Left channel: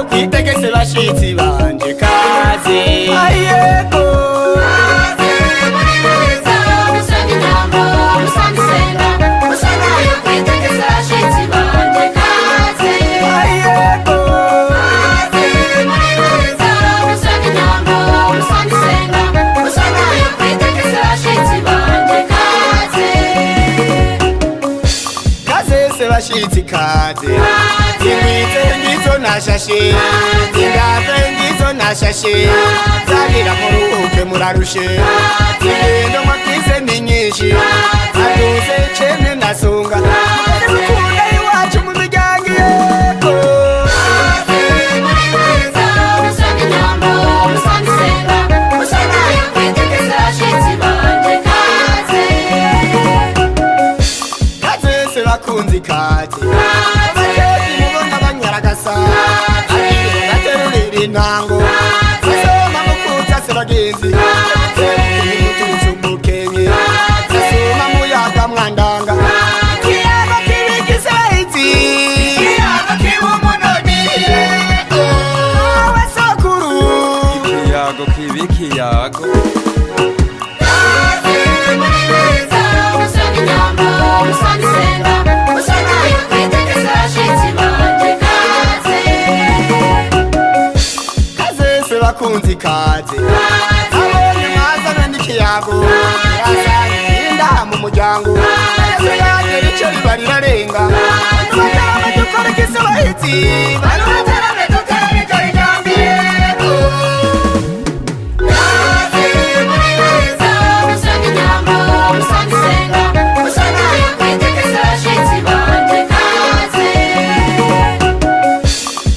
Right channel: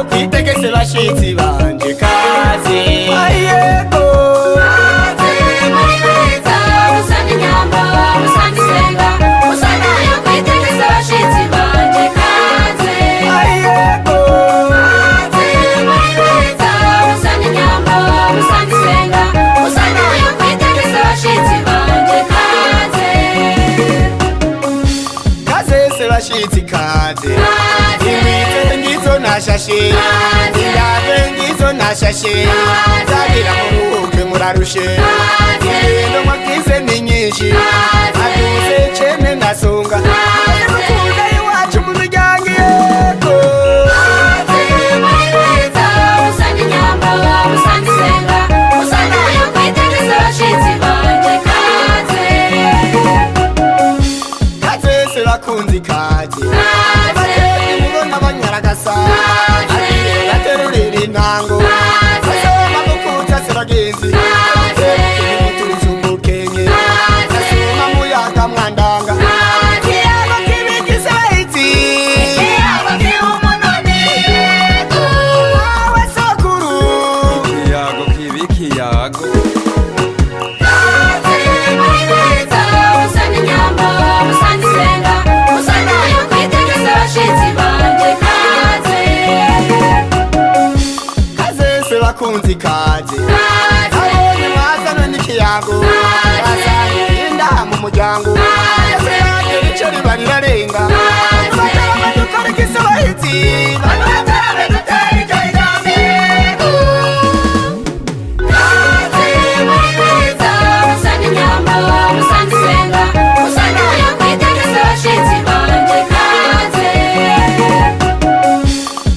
yo kwitegese bashitsi banje kaze ayego bashitsi kaze ingwitse ngizo nashashe indave ngizo nashashe zagira muruhuke murarushe ingendo mwagize ni nyinshi aduze cene nasonga mukunda iwacu mu miryango yego bakunzi kaje abatezi mubona banyaragasa abire baterurira intango basoma mukuta se bagenzi bateruke mutuzu mukenye nasoma muyaga mwandanga kiyago kibigize bahiti kiyago kibumunoni awe sokuru kiyago kibikiyago bakunzi kaze abonye mwazana n'ikiyago yasanye inda mu muryango yesu yagera ico riba rirarenga batarame dukora kise bahiti batarame dutera ico rijambo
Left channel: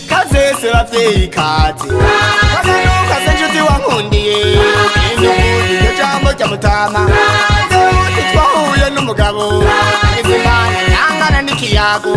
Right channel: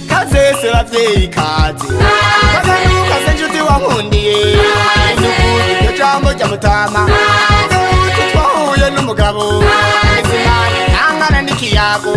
kaze bavyeyi kaze wankundiye induvuga iryo jambo rya mutama uti twahuye n'umugabo izimana nangana n'ikiyago